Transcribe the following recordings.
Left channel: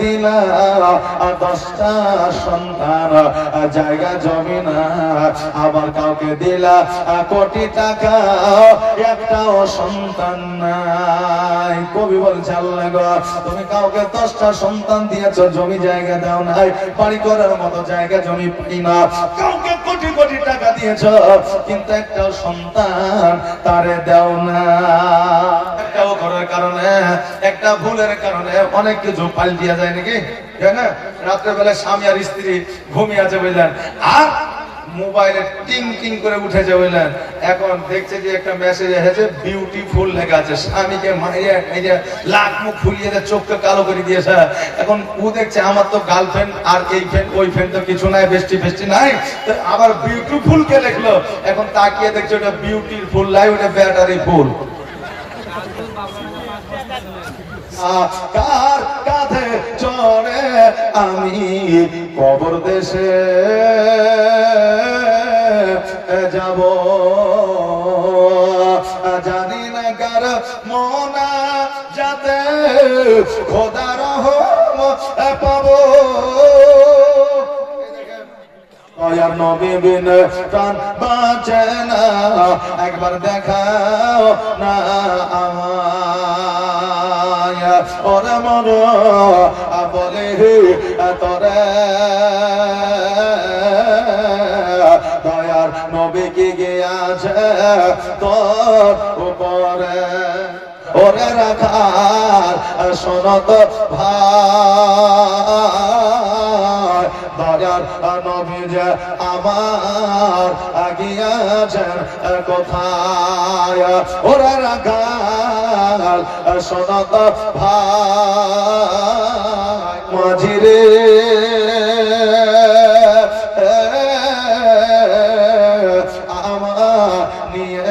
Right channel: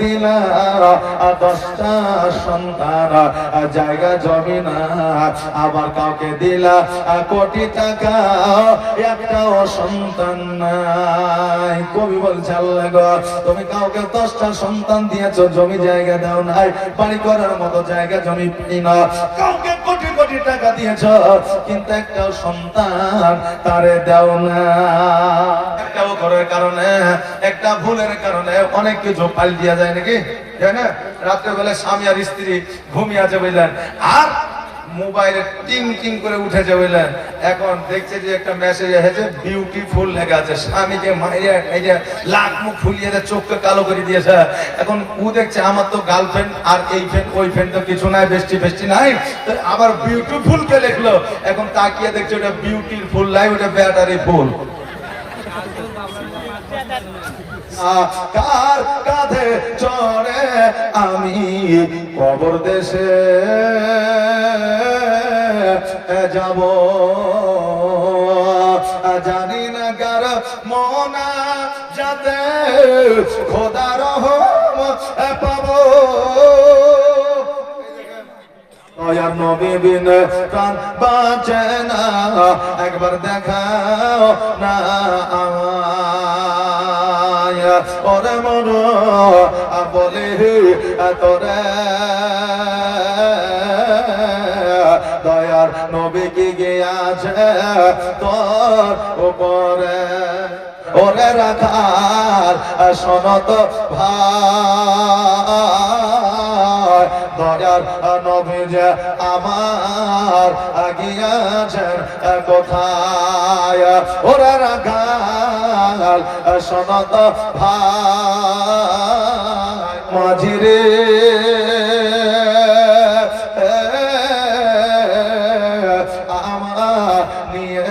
দিলা 10টা সন্তান, জায়গা জমি না, আবার কাউকে দিলা কোটি টাকা, একটাও সন্তান নাই। কবি বলছে আল্লাহ গো, তুমি কাউকে 10টা সন্তান দিয়েছো, জমি জায়গা দাও নাই, বাড়ি করার মতো জায়গা জমি পাই না। কাউকে কোটি কোটি টাকা দিয়েছো, কিন্তু একটা সন্তান তারে দাও না। একটা ঘরের কারণে, একটা ভুলের কারণে অনেক কিছু পাল্টিয়া যায় নাকি, তাই না? রাত্রে বেলা স্বামী আর স্ত্রী ঘুমিয়ে আছে বুঝলেন, আর মোবাইলে টিং টিং করে উঠেছে বুঝলেন, এখন দেখছে যে একটা মেসেজ এসেছে বিউটিফুল লেখা আছে, স্বামীকে মারিয়া লাখ মুখ ফুলিয়ে চোখকে কালো করে দিয়েছে। এখন ও দেখছে আমার তো গার্লফ্রেন্ড আর এই ফ্রেন্ড ওই ফ্রেন্ড তো কিছু নাই, বেস্টি ফেস্টি নাই, তো আবার বিউটিফুল কে লিখলো। এখন তাকিয়ে দেখছে ওটা বিউটিফুল লাই, ওটা ব্যাটারি ফুল। কার কাঁধে চড়ে আমি কবর দেশে যাব, জানি না কার মনা যাতে খোদার পাবো। আর নবী বিন প্রাণ বাঁচে না, একবার দেখা না আমায়, ওরে মন বলে তোরে দয়ার নবী কি গিয়েছে তোর উপরে, ওরে রাখার সনত ভাই, দয়ার নবী যে আমার গিয়েছে কোথায়, ওরে রাখার সনত ভাই, মাঝিরে আমার নিয়ে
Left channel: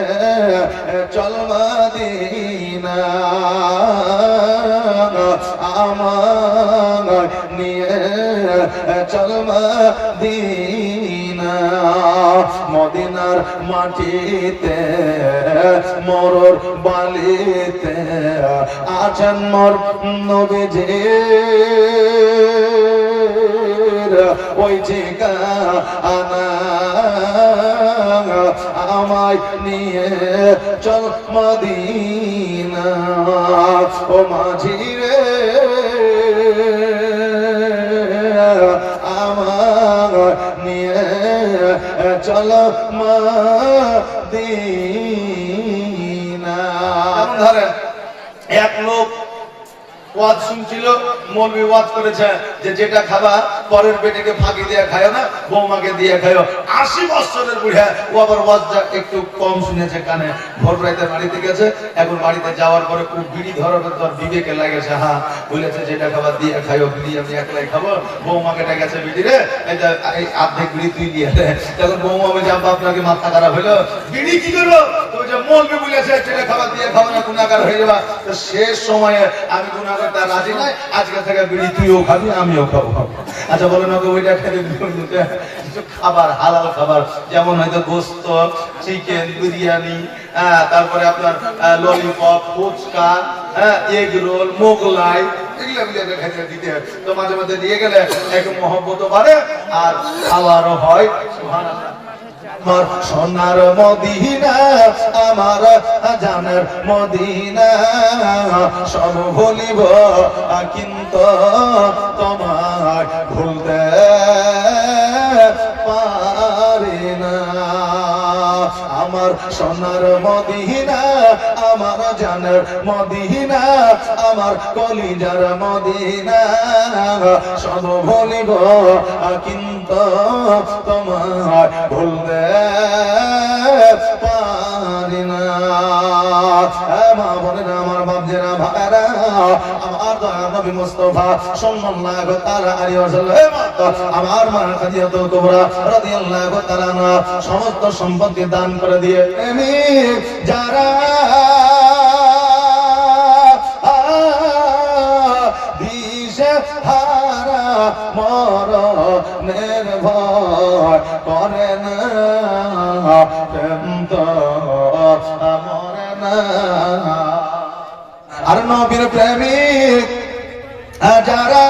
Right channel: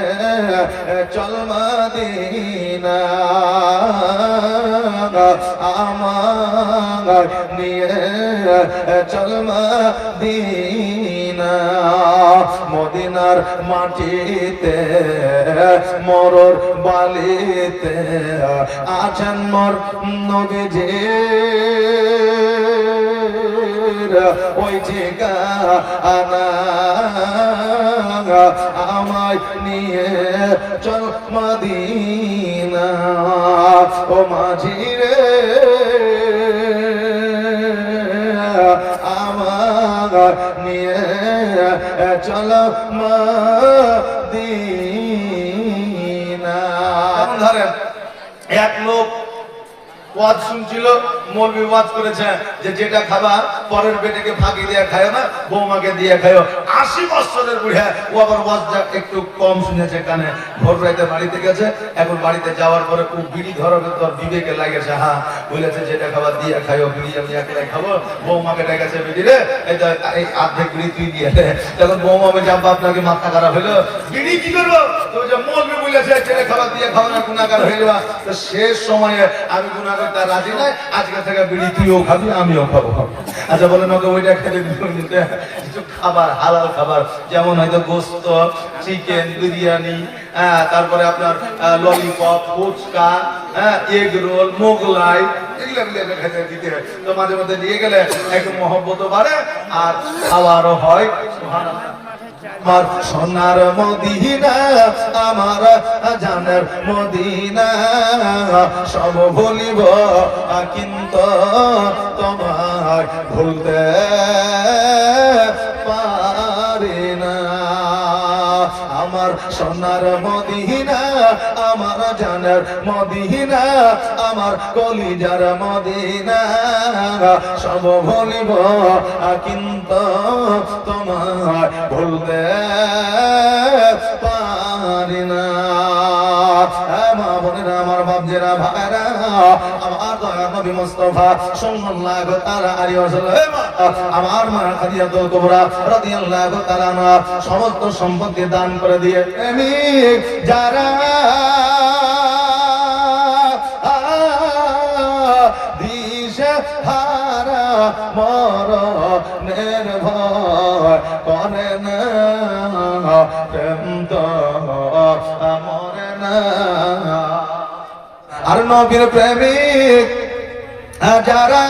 চল মদিনা, আমার নিয়ে চল মদিনা। মদিনার মাটিতে মরর বালিতে আছেন মোর নবীজি, ওই ঠিকানা আমায় নিয়ে চল মদিনা। ও মাঝি রে আমার নিয়ে চল মদিনা। এক লোক ওয়াজ শুনছিল, মৌলবি ওয়াজ করেছে যে যেটা খাবা পরের পেটেকে ফাঁকি দিয়ে খায় না, বৌমাকে দিয়ে খায়। 80 বছরের বুড়া, ও আবার ওয়াজটা একটু কম শুনেছে কানে। ভোর রাতে বাড়িতে গেছে, এখন বাড়িতে যাওয়ার পরে খুব বিড়ি ধরার তোর বিবেকে লাগেছে, হ্যাঁ বলেছে যেটা খাবার দিয়ে খাইও, বিড়ি আমি একলাই খাবো। বৌমাকে ডেকেছে, বিড়ি রে এই আর্ধেক বিড়ি তুই দিয়ে দে। তখন বৌমা বলছে আব্বা আপনাকে মাথা খারাপ হলো, বিড়ি কি করলো? তো মৌলবি বলেছে যেটা খাবার দিয়ে খাওয়া না গুনাহগার হয়ে যাওয়া। তো শেষ সময়ে আমি গুনাহগার তার রাজি নাই, আজকে থেকে বিড়ি তুইও খাবি আমিও খাবো। আচ্ছা বলেন ওকে ওইটা খেলে খাবার, হালাল খাবার, যেমন হয়তো গোস্ত, চিকেন, বিরিয়ানি, তারপরে আপনার lollipop, phuchka, egg roll, Mughlai, এগুলো খেতে দিতে হয়। তো মাঝে মাঝে দিয়ে গেলে একটু মহব্বত বাড়ে আর খাওয়ারও হয়। আমার সোনার মদিনা, আমার জানের মদিনা, সব ভুলিব কিন্তু তোমার ভুলতে পারি না। আমার সোনার মদিনা, আমার জানের মদিনা, আমার কলিজার মদিনা, সব ভুলিব কিন্তু তোমার ভুলতে পারি না। মা বোনেরা, আমার বাপজেরা, ভাইরা, আমার দয়া নবী মুস্তাফা সাল্লাল্লাহু তাআলা আলাইহি ওয়াসাল্লাম, আমার মা খাদিজাতুল কুবরা রাদিয়াল্লাহু তাআলা আনহা সমস্ত সম্পত্তি দান করে দিয়ে প্রেমিক যারা দিশে হারা মরণের ভয় করে না, প্রেম তো মরে না। আর নবীর প্রেমিক যারা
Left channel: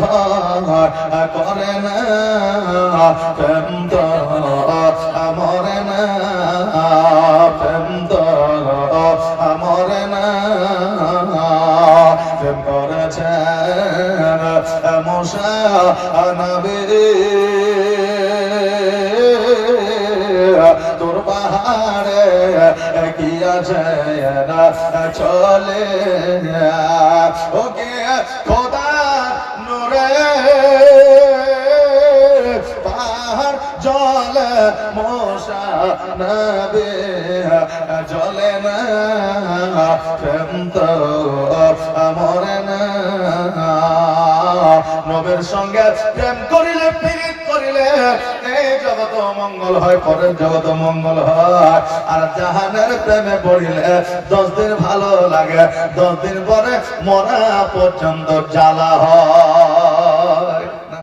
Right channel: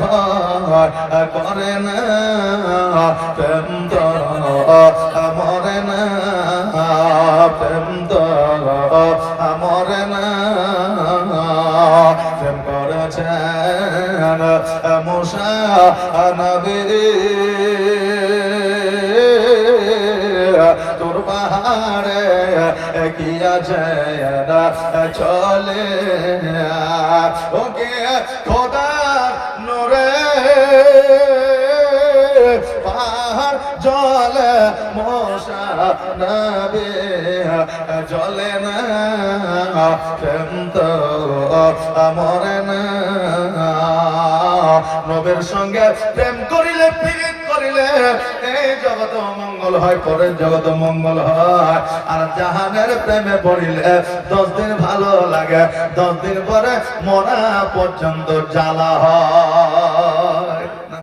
ভয় করে না, প্রেম তো মরে না, প্রেম তো মরে না। প্রেম করেছেন মুসা নবী, তোর পাহাড়ে কি আছে না চলে, ওকে খোদার নূরে পাহাড় জলে মুসা নবী জলে না, প্রেম তো মরে না। নবীর সঙ্গে প্রেম করিলে পীড়িত করিলে এই জগৎ মঙ্গল হয়, পরের জগৎ মঙ্গল হয়। আর জাহানের প্রেমে পড়িলে 10 দিন ভালো লাগে, 10 দিন পরে মরা পর্যন্ত জ্বালা হয়।